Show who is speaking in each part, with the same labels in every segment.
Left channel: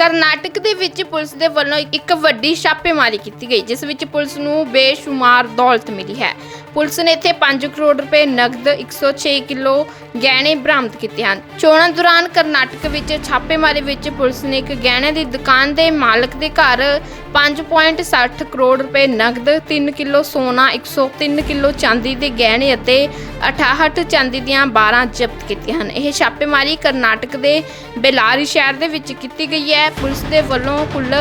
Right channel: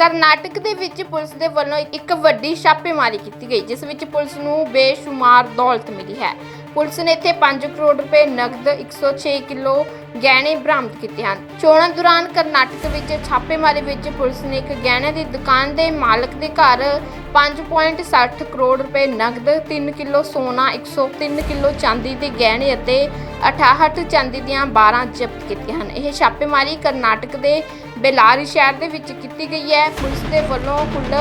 Speaker 1: ਕਰਨਾਟਕ ਦੇ ਵਿੱਚ ਪੁਲਿਸ ਦੇ ਵੱਲੋਂ ਇੱਕ ਵੱਡੀ ਛਾਪੇਮਾਰੀ ਕੀਤੀ ਗਈ, ਜਿਸ ਵਿੱਚ ਪੁਲਿਸ ਨੂੰ ਬੇਸ਼ੁਮਾਰ ਦੌਲਤ ਮਿਲੀ ਹੈ। ਪੁਲਿਸ ਨੇ ਇੱਥੇ 5 ਕਰੋੜ ਰੁਪਏ ਨਕਦ 106 ਕਿਲੋ ਗਹਿਣੇ ਬਰਾਮਦ ਕੀਤੇ ਹਨ। ਚੋਣਾਂ ਦੌਰਾਨ ਕਰਨਾਟਕ ਵਿੱਚ ਛਾਪੇਮਾਰੀ ਵਿੱਚ ਪੁਲਿਸ ਨੇ ਇੱਕ ਗਹਿਣੇ ਦੀ ਦੁਕਾਨ ਦੇ ਮਾਲਕ ਦੇ ਘਰ 5.60 ਕਰੋੜ ਰੁਪਏ ਨਕਦ 3 ਕਿਲੋ ਸੋਨਾ 103 ਕਿਲੋ ਚਾਂਦੀ ਦੇ ਗਹਿਣੇ ਅਤੇ 68 ਚਾਂਦੀ ਦੀਆਂ 12 ਜ਼ਬਤ ਕੀਤੀਆਂ ਹਨ। ਇਹ ਛਾਪੇਮਾਰੀ ਕਰਨਾਟਕ ਦੇ ਬੇਲਾਰੀ ਸ਼ਹਿਰ ਦੇ ਵਿੱਚ ਕੀਤੀ ਗਈ ਹੈ। ਪੁਲਿਸ ਦੇ ਵੱਲੋਂ ਕੁੱਲ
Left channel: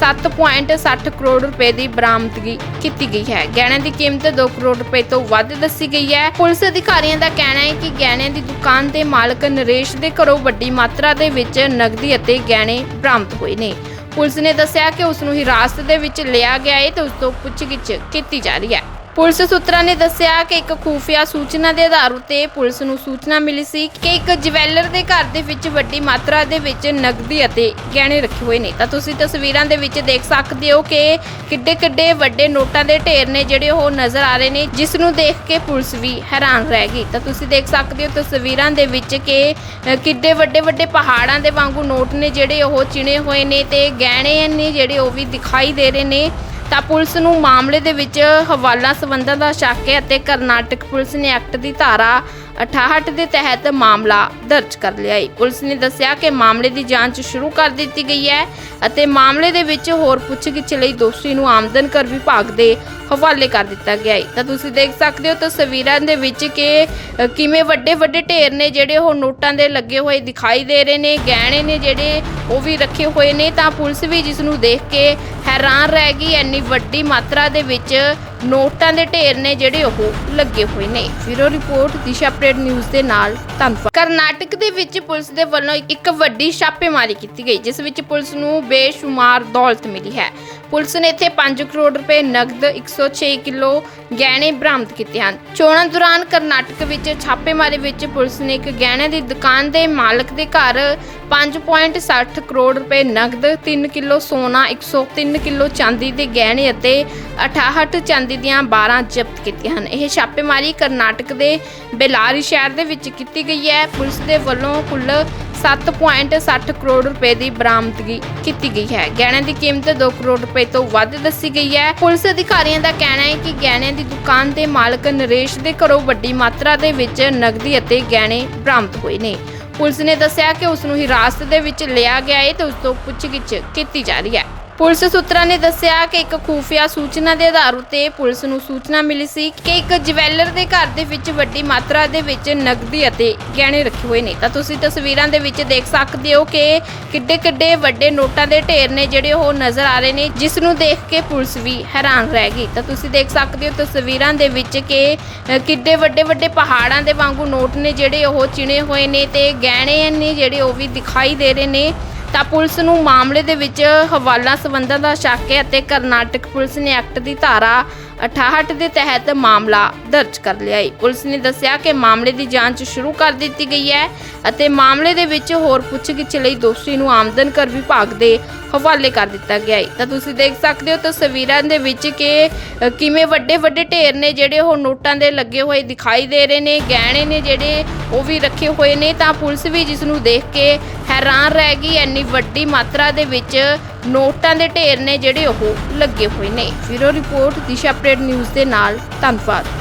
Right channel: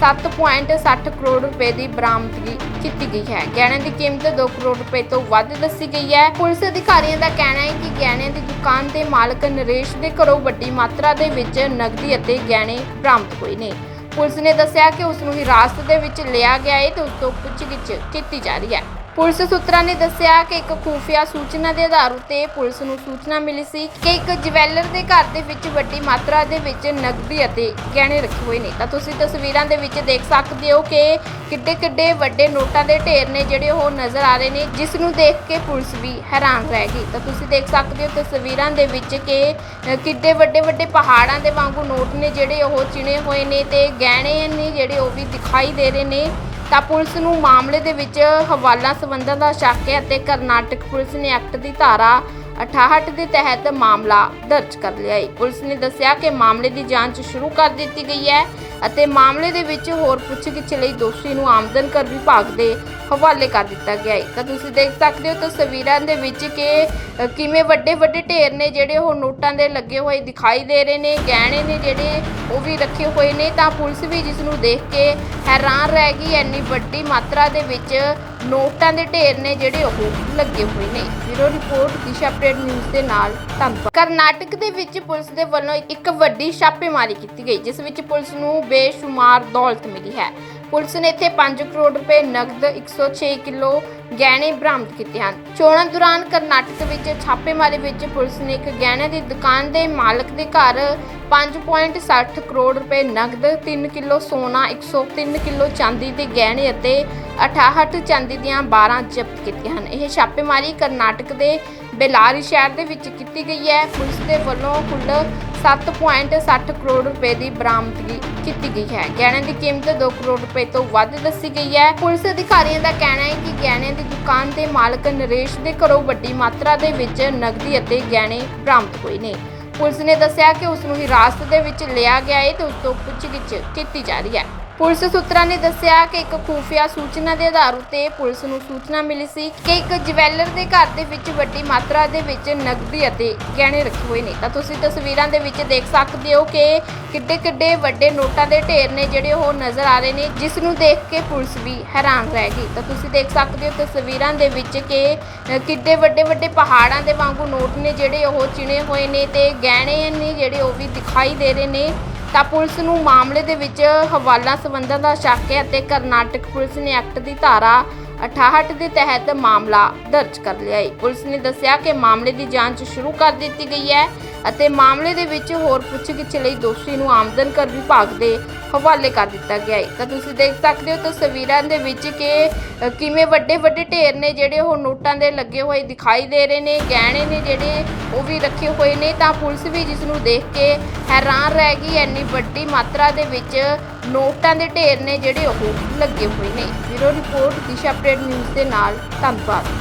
Speaker 1: 7.60 ਕਰੋੜ ਰੁਪਏ ਦੀ ਬਰਾਮਦਗੀ ਕੀਤੀ ਗਈ ਹੈ। ਗਹਿਣੇ ਦੀ ਕੀਮਤ 2 ਕਰੋੜ ਰੁਪਏ ਤੋਂ ਵੱਧ ਦੱਸੀ ਗਈ ਹੈ। ਪੁਲਿਸ ਅਧਿਕਾਰੀਆਂ ਦਾ ਕਹਿਣਾ ਹੈ ਕਿ ਗਹਿਣੇ ਦੀ ਦੁਕਾਨ ਦੇ ਮਾਲਕ ਨਰੇਸ਼ ਦੇ ਘਰੋਂ ਵੱਡੀ ਮਾਤਰਾ ਦੇ ਵਿੱਚ ਨਗਦੀ ਅਤੇ ਗਹਿਣੇ ਬਰਾਮਦ ਹੋਏ ਨੇ। ਪੁਲਿਸ ਨੇ ਦੱਸਿਆ ਕਿ ਉਸ ਨੂੰ ਹਿਰਾਸਤ ਦੇ ਵਿੱਚ ਲਿਆ ਗਿਆ ਹੈ ਤੇ ਉਸ ਤੋਂ ਪੁੱਛਗਿੱਛ ਕੀਤੀ ਜਾ ਰਹੀ ਹੈ। ਪੁਲਿਸ ਸੂਤਰਾਂ ਨੇ ਦੱਸਿਆ ਕਿ ਇੱਕ ਖੂਫੀਆ ਸੂਚਨਾ ਦੇ ਆਧਾਰ ਉੱਤੇ ਪੁਲਿਸ ਨੂੰ ਸੂਚਨਾ ਮਿਲੀ ਸੀ ਕਿ ਇੱਕ ਜਵੈਲਰ ਦੇ ਘਰ ਦੇ ਵਿੱਚ ਵੱਡੀ ਮਾਤਰਾ ਦੇ ਵਿੱਚ ਨਕਦੀ ਅਤੇ ਗਹਿਣੇ ਰੱਖੇ ਹੋਏ ਨੇ। ਤਾਂ ਤੁਸੀਂ ਤਸਵੀਰਾਂ ਦੇ ਵਿੱਚ ਦੇਖ ਸਕਦੇ ਹੋ ਕਿ ਕਿੱਡੇ ਕਿੱਡੇ ਵੱਡੇ ਨੋਟਾਂ ਦੇ ਢੇਰ ਨੇ ਜਿਹੜੇ ਉਹ ਨਜ਼ਰ ਆ ਰਹੇ ਨੇ, ਜਿਸ ਨੂੰ ਦੇਖ ਕੇ ਪੁਲਿਸ ਵੀ ਹੈਰਾਨ ਰਹਿ ਗਈ। ਤਾਂ ਤੁਸੀਂ ਦੇਖ ਸਕਦੇ ਹੋ ਤਸਵੀਰਾਂ ਦੇ ਵਿੱਚ ਕਿ ਕਿੱਡੇ ਵੱਡੇ ਵੱਡੇ ਪਹਾੜਾਂ ਦੇ ਵਾਂਗੂ ਨੋਟ ਨੇ ਜਿਹੜੇ ਉਹ ਚਿਣੇ ਹੋਏ ਨੇ ਤੇ ਗਹਿਣੇ ਨੇ ਜਿਹੜੇ ਉਹ ਵੀ ਦਿਖਾਈ ਦੇ ਰਹੇ ਨੇ। ਤਾਂ ਪੁਲਿਸ ਨੂੰ ਮਾਮਲੇ ਦੇ ਵਿੱਚ ਹਵਾਲਾ ਸਬੰਧਾਂ ਦਾ ਸ਼ੱਕ ਹੈ ਅਤੇ ਕਰਨਾਟਕ ਪੁਲਿਸ ਨੇ ਐਕਟ ਦੀ ਧਾਰਾ 68 ਦੇ ਤਹਿਤ ਮਾਮਲਾ ਦਰਜ ਕਰ ਲਿਆ ਹੈ। ਪੁਲਿਸ ਨੇ ਦੱਸਿਆ ਕਿ ਮਾਮਲੇ ਦੀ ਜਾਂਚ ਸ਼ੁਰੂ ਕਰ ਦਿੱਤੀ ਗਈ ਹੈ ਅਤੇ ਮਾਮਲੇ ਦੇ ਵਿੱਚ ਹੋਰ ਪੁੱਛਗਿੱਛ ਲਈ ਦੋਸ਼ੀ ਨੂੰ ਆਮਦਨ ਕਰ ਵਿਭਾਗ ਦੇ ਹਵਾਲੇ ਕਰ ਦਿੱਤਾ ਗਿਆ ਹੈ। ਤਾਂ ਤੁਸੀਂ ਦੇਖ ਸਕਦੇ ਹੋ ਤਸਵੀਰਾਂ ਦੇ ਵਿੱਚ ਕਿ ਕਿਵੇਂ ਵੱਡੇ ਵੱਡੇ ਢੇਰ ਨੇ ਜਿਹੜੇ ਉਹ ਨੋਟਾਂ ਦੇ ਲੱਗੇ ਹੋਏ ਦਿਖਾਈ ਦੇ ਰਹੇ ਨੇ, ਗਹਿਣੇ ਨੇ ਜਿਹੜੇ ਉਹ ਵੀ ਰੱਖੇ ਹੋਏ ਨੇ। ਤਾਂ ਪੁਲਿਸ ਵੀ ਜਿਸ ਨੂੰ ਦੇਖ ਕੇ ਹੈਰਾਨ ਰਹਿ ਗਈ ਐਨੀ ਵੱਡੀ ਮਾਤਰਾ ਦੇ ਵਿੱਚ ਨੋਟਾਂ ਦੇ ਢੇਰ ਨੇ ਜਿਹੜੇ ਉਹ ਲੱਗੇ ਹੋਏ ਨੇ। Zero report, Disha update news ਦੇ ਨਾਲ ਧੰਨਵਾਦ। ਕਰਨਾਟਕ ਦੇ ਵਿੱਚ ਪੁਲਿਸ ਦੇ ਵੱਲੋਂ ਇੱਕ ਵੱਡੀ ਛਾਪੇਮਾਰੀ ਕੀਤੀ ਗਈ, ਜਿਸ ਵਿੱਚ ਪੁਲਿਸ ਨੂੰ ਬੇਸ਼ੁਮਾਰ ਦੌਲਤ ਮਿਲੀ ਹੈ। ਪੁਲਿਸ ਨੇ ਇੱਥੇ 5 ਕਰੋੜ ਰੁਪਏ ਨਕਦ 106 ਕਿਲੋ ਗਹਿਣੇ ਬਰਾਮਦ ਕੀਤੇ ਹਨ। ਚੋਣਾਂ ਦੌਰਾਨ ਕਰਨਾਟਕ ਵਿੱਚ ਛਾਪੇਮਾਰੀ ਵਿੱਚ ਪੁਲਿਸ ਨੇ ਇੱਕ ਗਹਿਣੇ ਦੀ ਦੁਕਾਨ ਦੇ ਮਾਲਕ ਦੇ ਘਰ 5.60 ਕਰੋੜ ਰੁਪਏ ਨਕਦ 3 ਕਿਲੋ ਸੋਨਾ 103 ਕਿਲੋ ਚਾਂਦੀ ਦੇ ਗਹਿਣੇ ਅਤੇ 68 ਚਾਂਦੀ ਦੀਆਂ 12 ਜ਼ਬਤ ਕੀਤੀਆਂ ਹਨ। ਇਹ ਛਾਪੇਮਾਰੀ ਕਰਨਾਟਕ ਦੇ ਬੇਲਾਰੀ ਸ਼ਹਿਰ ਦੇ ਵਿੱਚ ਕੀਤੀ ਗਈ ਹੈ। ਪੁਲਿਸ ਦੇ ਵੱਲੋਂ ਕੁੱਲ 7.60 ਕਰੋੜ ਰੁਪਏ ਦੀ ਬਰਾਮਦਗੀ ਕੀਤੀ ਗਈ ਹੈ। ਗਹਿਣੇ ਦੀ ਕੀਮਤ 2 ਕਰੋੜ ਰੁਪਏ ਤੋਂ ਵੱਧ ਦੱਸੀ ਗਈ ਹੈ। ਪੁਲਿਸ ਅਧਿਕਾਰੀਆਂ ਦਾ ਕਹਿਣਾ ਹੈ ਕਿ ਗਹਿਣੇ ਦੀ ਦੁਕਾਨ ਦੇ ਮਾਲਕ ਨਰੇਸ਼ ਦੇ ਘਰੋਂ ਵੱਡੀ ਮਾਤਰਾ ਦੇ ਵਿੱਚ ਨਗਦੀ ਅਤੇ ਗਹਿਣੇ ਬਰਾਮਦ ਹੋਏ ਨੇ। ਪੁਲਿਸ ਨੇ ਦੱਸਿਆ ਕਿ ਉਸ ਨੂੰ ਹਿਰਾਸਤ ਦੇ ਵਿੱਚ ਲਿਆ ਗਿਆ ਹੈ ਤੇ ਉਸ ਤੋਂ ਪੁੱਛਗਿੱਛ ਕੀਤੀ ਜਾ ਰਹੀ ਹੈ। ਪੁਲਿਸ ਸੂਤਰਾਂ ਨੇ ਦੱਸਿਆ ਕਿ ਇੱਕ ਖੂਫੀਆ ਸੂਚਨਾ ਦੇ ਆਧਾਰ ਉੱਤੇ ਪੁਲਿਸ ਨੂੰ ਸੂਚਨਾ ਮਿਲੀ ਸੀ ਕਿ ਇੱਕ ਜਵੈਲਰ ਦੇ ਘਰ ਦੇ ਵਿੱਚ ਵੱਡੀ ਮਾਤਰਾ ਦੇ ਵਿੱਚ ਨਗਦੀ ਅਤੇ ਗਹਿਣੇ ਰੱਖੇ ਹੋਏ ਨੇ। ਤਾਂ ਤੁਸੀਂ ਤਸਵੀਰਾਂ ਦੇ ਵਿੱਚ ਦੇਖ ਸਕਦੇ ਹੋ ਕਿ ਕਿੱਡੇ ਕਿੱਡੇ ਵੱਡੇ ਨੋਟਾਂ ਦੇ ਢੇਰ ਨੇ ਜਿਹੜੇ ਉਹ ਨਜ਼ਰ ਆ ਰਹੇ ਨੇ, ਜਿਸ ਨੂੰ ਦੇਖ ਕੇ ਪੁਲਿਸ ਵੀ ਹੈਰਾਨ ਰਹਿ ਗਈ। ਤਾਂ ਤੁਸੀਂ ਦੇਖ ਸਕਦੇ ਹੋ ਤਸਵੀਰਾਂ ਦੇ ਵਿੱਚ ਕਿ ਕਿੱਡੇ ਵੱਡੇ ਵੱਡੇ ਪਹਾੜਾਂ ਦੇ ਵਾਂਗੂ ਨੋਟ ਨੇ ਜਿਹੜੇ ਉਹ ਚਿਣੇ ਹੋਏ ਨੇ ਤੇ ਗਹਿਣੇ ਨੇ ਜਿਹੜੇ ਉਹ ਵੀ ਦਿਖਾਈ ਦੇ ਰਹੇ ਨੇ। ਤਾਂ ਪੁਲਿਸ ਨੂੰ ਮਾਮਲੇ ਦੇ ਵਿੱਚ ਹਵਾਲਾ ਸਬੰਧਾਂ ਦਾ ਸ਼ੱਕ ਹੈ ਅਤੇ ਕਰਨਾਟਕ ਪੁਲਿਸ ਨੇ ਐਕਟ ਦੀ ਧਾਰਾ 68 ਦੇ ਤਹਿਤ ਮਾਮਲਾ ਦਰਜ ਕਰ ਲਿਆ ਹੈ। ਪੁਲਿਸ ਨੇ ਦੱਸਿਆ ਕਿ ਮਾਮਲੇ ਦੀ ਜਾਂਚ ਸ਼ੁਰੂ ਕਰ ਦਿੱਤੀ ਗਈ ਹੈ ਅਤੇ ਮਾਮਲੇ ਦੇ ਵਿੱਚ ਹੋਰ ਪੁੱਛਗਿੱਛ ਲਈ ਦੋਸ਼ੀ ਨੂੰ ਆਮਦਨ ਕਰ ਵਿਭਾਗ ਦੇ ਹਵਾਲੇ ਕਰ ਦਿੱਤਾ ਗਿਆ ਹੈ। ਤਾਂ ਤੁਸੀਂ ਦੇਖ ਸਕਦੇ ਹੋ ਤਸਵੀਰਾਂ ਦੇ ਵਿੱਚ ਕਿ ਕਿਵੇਂ ਵੱਡੇ ਵੱਡੇ ਢੇਰ ਨੇ ਜਿਹੜੇ ਉਹ ਨੋਟਾਂ ਦੇ ਲੱਗੇ ਹੋਏ ਦਿਖਾਈ ਦੇ ਰਹੇ ਨੇ, ਗਹਿਣੇ ਨੇ ਜਿਹੜੇ ਉਹ ਵੀ ਰੱਖੇ ਹੋਏ ਨੇ। ਤਾਂ ਪੁਲਿਸ ਵੀ ਜਿਸ ਨੂੰ ਦੇਖ ਕੇ ਹੈਰਾਨ ਰਹਿ ਗਈ, ਇੰਨੀ ਵੱਡੀ ਮਾਤਰਾ ਦੇ ਵਿੱਚ ਨੋਟਾਂ ਦੇ ਢੇਰ ਨੇ ਜਿਹੜੇ ਉਹ ਲੱਗੇ ਹੋਏ ਨੇ। Zero report, Disha update news ਦੇ ਨਾਲ ਧੰਨਵਾਦ।